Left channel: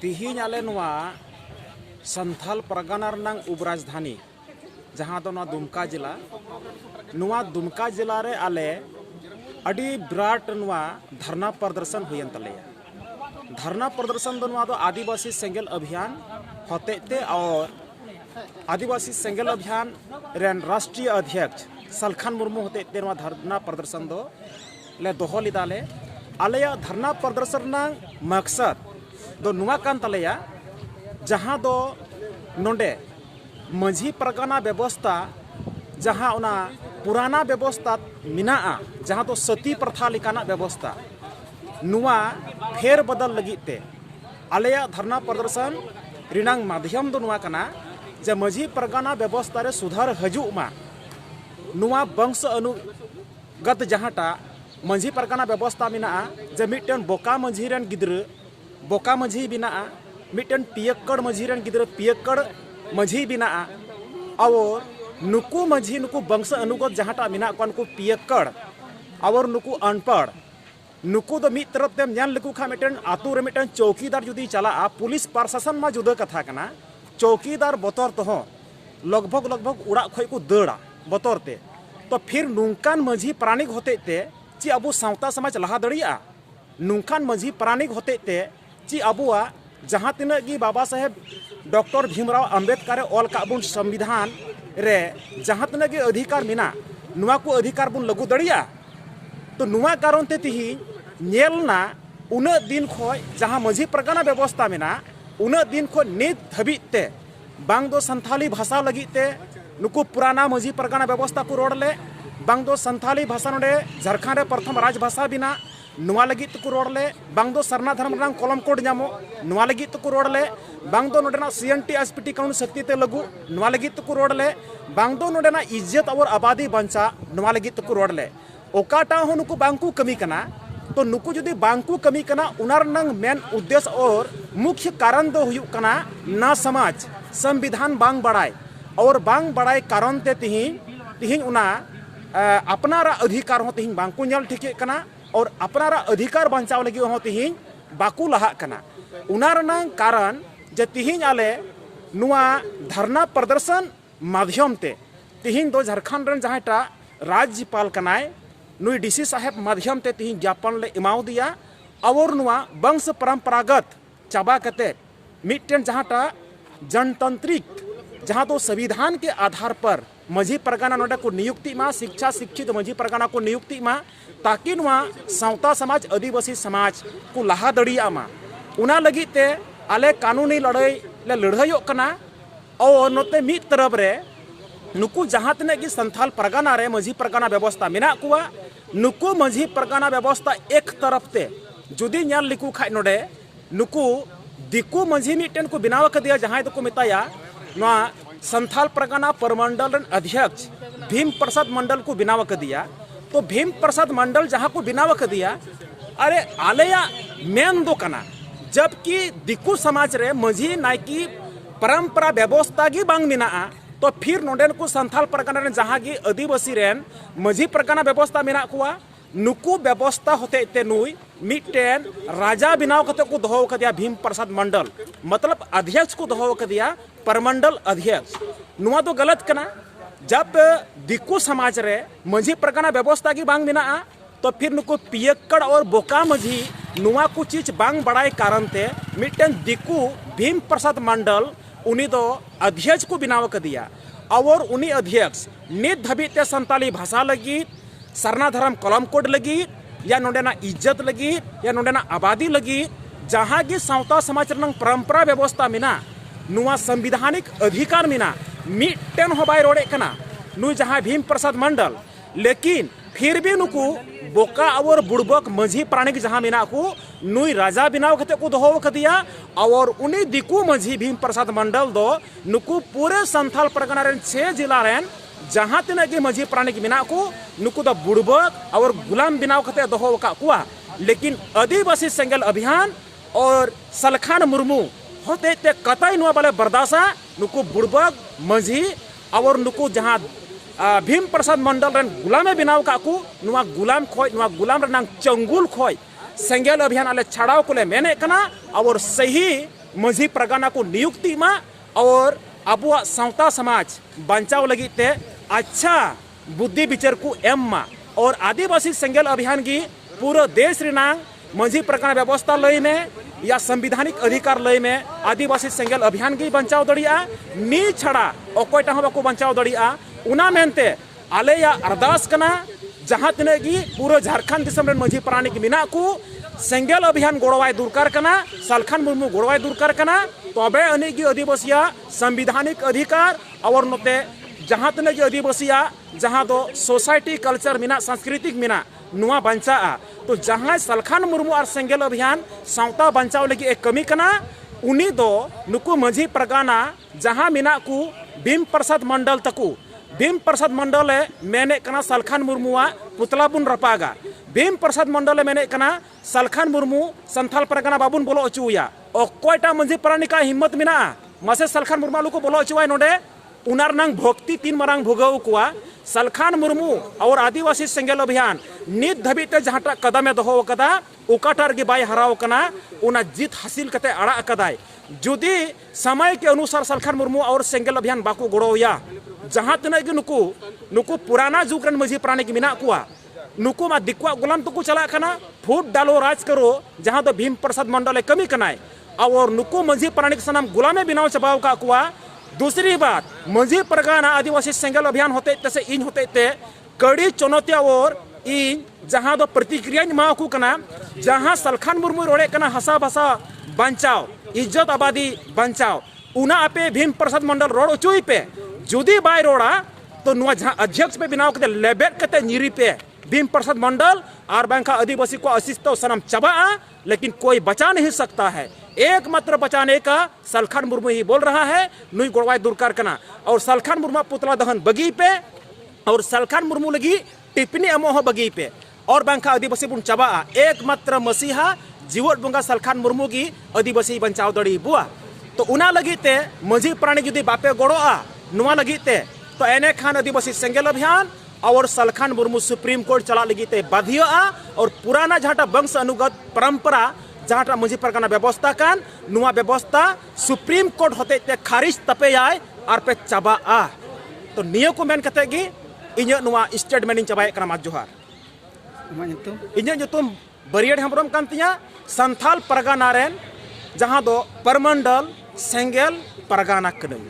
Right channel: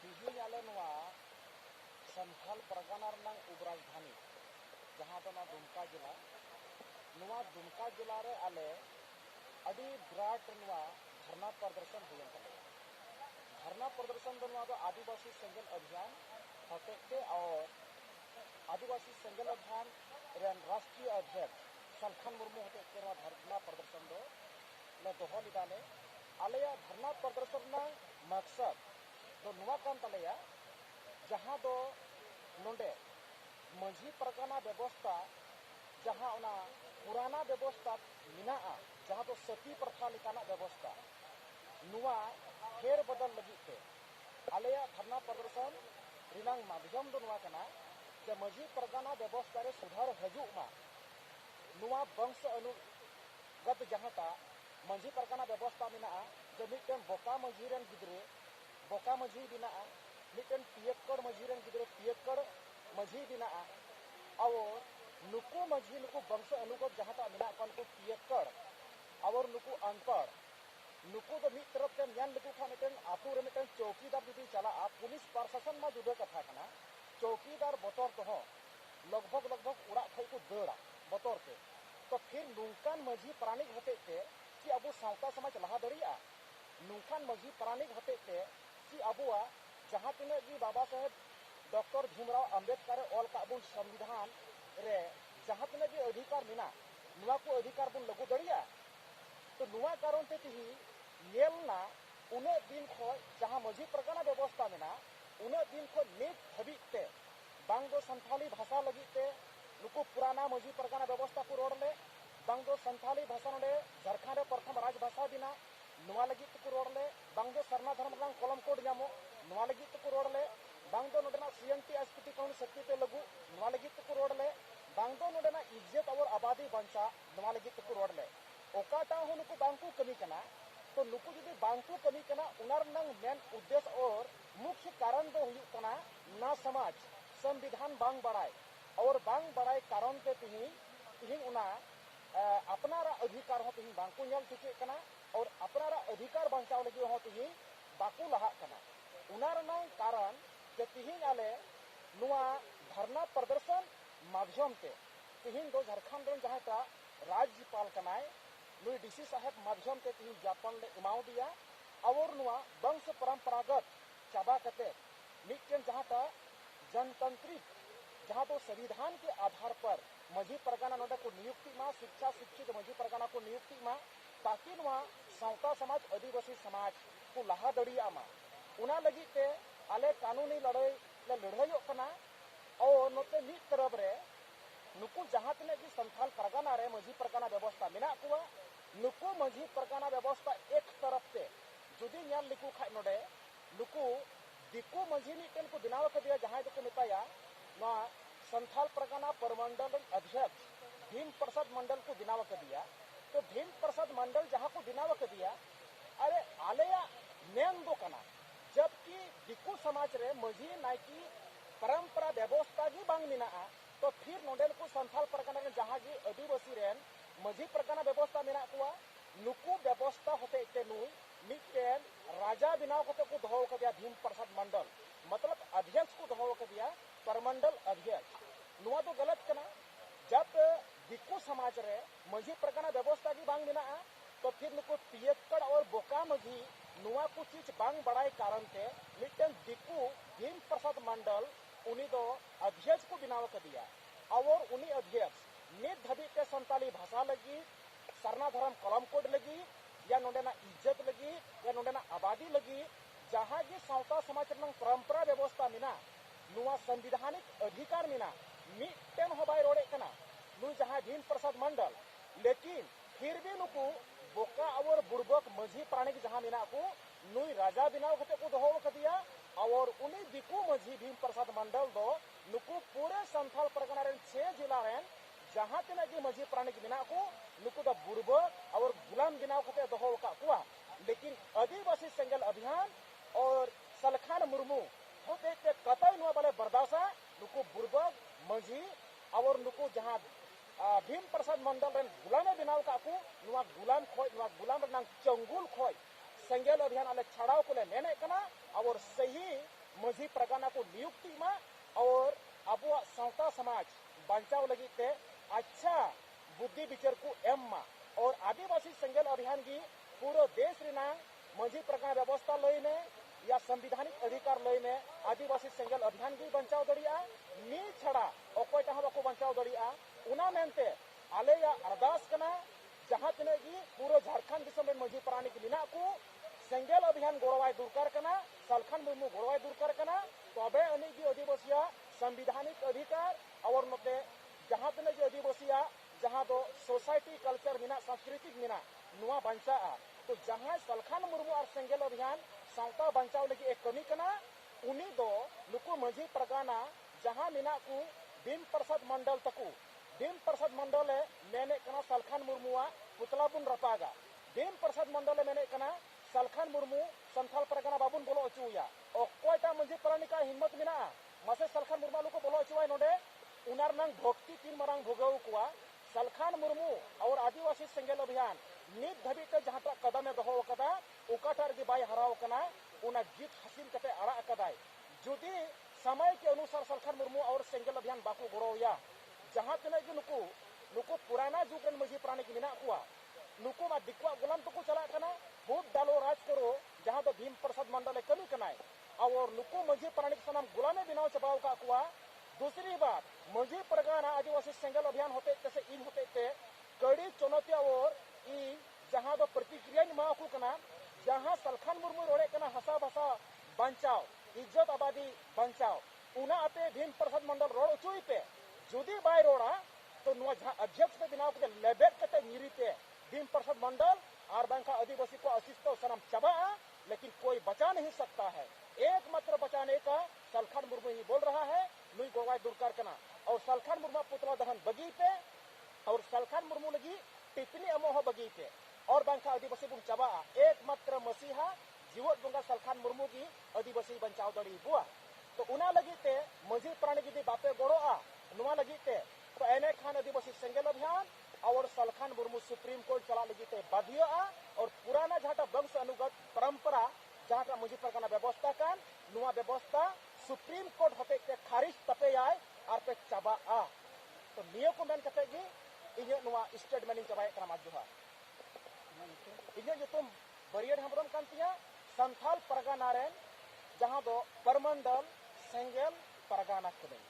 तिहिन आले नुआ संथाल परगना रनांग उपराजधानी जहाँ दो दुमका जिला दुमका जिला रे आले अड़ी विराट नुआ धरना प्रदर्शन हुयन तलेया। धरना प्रदर्शन दो आदिवासी सेंगेल अभियान होते और आदिवासी सेंगेल अभियान रेन राष्ट्रीय अध्यक्ष सलखान मुर्मू होते धरना प्रदर्शन दो ले दोहो लिदाले आलेया धरना प्रदर्शन मकसद दो नुआ कान तलेया जहाँ दो नोंडे माझी परगना व्यवस्था जहाँ उना पुराना व्यवस्था मिनाआ जहाँ तो सती प्रथा लिकाना व्यवस्था नुआ फेर बदल लगिते आलेया धरना प्रदर्शन रिनांग माध्यम दो नुआ कना जे माझी परगना व्यवस्था रे सुधार हजु मा नुआ वंश अनुगत जहाँटा माझी परगना व्यवस्था मिनाआ जे मिटन बोका माझी रेन गिद्र बोका माझी बिनाआ मिटन पियक्कड़ माझी रेन गिद्र पियक्कड़ माझी बिनाआ और नुकु माझी नुकु वंश अनुगत जहाँटा मिना को नुकु पियक्कड़ और नुकु अनपढ़ नुकु दो मिद तरफ तेम ᱧᱮᱞ लेकु खा मिटन आतु रे मिटन चौकीदार जुदी चला पुलिस प्रशासन मा जुदा कथा कना चौकीदार बतर तो लगभग उड़ा खय को दड़ा बतर ते तो फिर नुकान माझी प्राणिक होते ते ची अबु सावता समाज लहा दड़िया नुकान माझी प्राणिक होते ते ची अबुआ जहाँ तिना गी बाबा साहेब डॉक्टर भीमराव अंबेडकर ऑल काबुन संविधान रे जहाँ तिना गी अधिकार मिना नुआ को अधिकार बुन लगू दड़िया तो नुआ कारण ते तिही नेलना उना दिन खोय जहाँ माझी परगना व्यवस्था मिना उना दिन खो नित धबित ते बांग दो संथाली भाषा लगित ते नुकु पुराना माझी परगना व्यवस्था को रोडले बांग दो संथाली भाषा नोडे झारखंड रे प्रथम राजभाषा बिना नुआ लगित को रोडले बांग दो सरना धर्म रंग कलम कोड जामो नुआ लगित को रोडले बांग दो नोडेना सीएनटी एसपीटी काउंट शक्ति ते लगू नुआ लगित को रोडले बांग दो नोडेना इज्जत और आबादी बंचा नुआ लगित को रोडले ओकाटा हो नुकु बांकु कमी कना तो नुकु जुदी बांकु कमी कना उनार नंग मेन उद्देश्य और मुख्य कारण दो हुयु कना ना समाज संविधान बांग बड़ाई और बांग बड़ाई कारण ते तिहिं उना अपनारा अधिकार हो तिहिं बांकु ᱧᱮᱞ ठिके कना और अपनारा अधिकार बंचाव लगी हो तिहिं बाकु लहा कना उनार नंग कारण जे तिहिं आले नुआ धरना प्रदर्शन माध्यम ते तिहिं दो झारखंड रन जहाँटा राज्यपाल कनाय नुई डीसी साहेब माध्यम ते तिहिं ज्ञापन ले इमाव दिया और नुआ वंश परंपरागत चाबा कते मिट्टन जहाँटा जनतांत्रिक जहाँ तो संविधान के आधार पर माझी परगना नोडे को नियुक्ति मा शिक्षा शिक्षित माझी परगना को नियुक्ति मा ताकि नुआ सावता समाज आदिवासी समाज को लहा दड़िया मा उना लगी ते आले कानूनी लड़ाई ले लड़ाइयों कना और नोते मिद तरफ रे नुकु जहाँ तने की संथाल परगना रे माझी परगना व्यवस्था मिना कुआ नुकु माझी परगना व्यवस्था एक तरफ ते जुदी ᱧᱮᱞ लिकु खाय नोडे नुकु दिकु माझी मिटन को बिनाव कर दिया जहाँ तो को मिताया ना संथाल परगना परमंडल रन अध्यक्ष भीम प्रसाद मंडल को बिनाव कर दिया तो भीम प्रसाद मंडल जहाँ को बिनाव कर दिया अरे आलेया मेन दो कना जबकि दिकु समाज रे माझी नायकी परंपरा व्यवस्था गी बांग मिनाआ तो फिर नोडेन को संथाल परगना रेन जहाँ की आदिवासी रेन माझी परगना व्यवस्था मिना कुआ नुकु व्यवस्था होते ते नुई मिटन राजा बिनाव कते को दोहो कर दिया भीम प्रसाद मंडल मतलब अध्यक्ष को दोहो कर दिया परमंडल अध्यक्ष नुआ तो गलत कना जब दिकु समाज रे माझी परगना व्यवस्था की बांग मिना तो फिर नुकु पियक्कड़ और बोका माझी नुआ को चीज बांग बड़ाई कारण ते मिटन दिकु भीम प्रसाद मंडल उनी दो अध्यक्ष को बिनाव कर दिया और उनी अध्यक्ष नित धबित ते संताली भाषा लगी सरना धर्म कलम कोड लगी या नोडेना इज्जत लगी या नोडेना आबादी लगी जहाँ की सावता समाज रंग परंपरा व्यवस्था मिना नुआ संविधानिक अधिकार मिना मिटन हो बाय रोडे कना नु जहाँ भीम प्रसाद मंडल लेकिन फिर भी नुकु बोका और बुड़बक माझी प्राणिक जहाँ मिना को नुई राजा बिनाव कते को दोहो कर दिया और उन्हीं दिकु माझी भीम प्रसाद मंडल दो नुकु पूरे संथाल परगना रेन 6 जिला रेन जहाँ तिना की माझी प्राणिक मिना को नुकु दो बुड़बक और गुलाम बिनाव कते दोहो का कुआ लेकिन आदिवासी सेंगेल अभियान और सलखान मुर्मू होते ते कतई नुआ बाले बर्दासा नुकु बुड़बक माझी और नुकु जहाँ भीम प्रसाद मंडल रेन गुलामे बिनाव काकू नुआ गुलाम खोय नुआ गुलाम रनांग चंगुल खोय सेंगेल अभियान आले छाड़ाव को ले मेने कना और सही मझी परगना को नियुक्ति मा और अबुआ सावता समाज बचाव लगी ते अच्छा बुद्धि विचार को एम मा और आदिवासी सेंगेल अभियान की पूरा देश रिनांग मझी परगना व्यवस्था लय में या संविधानिक अधिकार लय में आदिवासी सेंगेल अभियान की बचाव दड़िया नी छड़ा अकोयटा हूं बाको बचाव दड़िया उना मेनते आले या अरदास कना जहां तिने की पूरा झारखंड दिसम रेन मझी प्राणी की मिना को सेंगेल अभियान गोड़वाई दुरकार कना सालखान मुर्मू गोड़वाई दुरकार कना तबे अने की आदिवासिया संविधानिक अधिकार और नोते जहां तिने की आदिवासिया जहां दो सोसाइटी कल्चर मिना सांस्कृतिक मिना नुआ बंचा तो जहां सालखान मुर्मू और सेंगेल अभियान सावता बंचाव लगी एक कमी कना उनी दो नुकु मझी परगाना जहां मिना को भीम प्रसाद मंडल तकु भीम प्रसाद मंडल मेने कना सालखान मुर्मुआ पुतला बुन रपागा भीम प्रसाद मंडल मेने कना सालखान मुर्मू संथाल परगना बाबुन बोलो अचुया अकोयटा मझी प्राणिका हिम्मत मिना मासे सालखान मुर्मा लुको बोलो अचुवाय नोडे उनार नंग भक्ति तीन मारांग भोगाव कुआ सालखान मुर्मू और आदिवासी सेंगेल अभियान नित धबीते जहाटा कदमे दोहो कदा उकाटार के बाय हराव कना उना जीत हासिल कते अड़ा कदाय जुदी समय के अनुसार सालखान मुर्मू और सेंगेल अभियान बाको गोड़ोया जहां तना कि नुकु नुकु पुराना जुग रन मझी प्राणी की मिना कुआ नुकु मा दिक्वा गुलाम तो चला कना फूट डालो राज करो जहां तो भीम प्रसाद मंडल कमी कनाय और नुकु मझी प्राणी के सनाम गुलामे बिनाव चबाव का कुआ दूसरी बात मझी परगना आदिवासी सेंगेल अभियान होते तसे इन होते ते कड़ी चुनौतिया और इन जहां दो प्रतिक्रिया मा को कना जहां सालखान मुर्मू रोड़े कना हसा भसा बंचाव इज्जत आबादी बंचाव उना आपे भीम प्रसाद मंडल रोड उचुई पे जुदी बाय रोड़ा तो नुआ जहां अध्यक्ष पे बिनाव कते लेबेट कते निरी पे भीम प्रसाद मंडल और बैंका आदिवासी को असिस्तो सनम चबा लेकिन कोई बचा नहीं सकता है एकमात्र बचाने का सालखान मुर्मू ही बोल रहा है नुई गोड़वाई दुरकार कना और सालखान मुर्मू पुतला दहन बगी पे और सालखान मुर्मू लगी टिप्पणी अमोह बगी पे और बैंका आदिवासी बुन चबा एकमात्र मसीहा जीवट बंगा सालखान मुर्मू की आदिवासी बचाव दड़ी बुआ तो उना लगी ते मझी प्राणी जुदी बापे गोड़ोआ नुआ लगी ते तो एने खान आदिवासी सेंगेल अभियान और सालखान मुर्मू सुप्रीम कोर्ट चला लगी ते बाध्य और पुराना जहाटा वंश अनुगत परंपरा जहाटा मझी परगना व्यवस्था कान नुआ व्यवस्था सुप्रीम कोर्ट होते ते खारिज तपे आय और पे चबा तो नियो को मेन कते गी इन्या नुआ स्टेटमेंट चबाय कना मा जोहार इन्या जुतुम बरियड हेम्ब्रम कान तिया संथाल परगना रेन जहां दो परमंडल सेंगेल परगना कने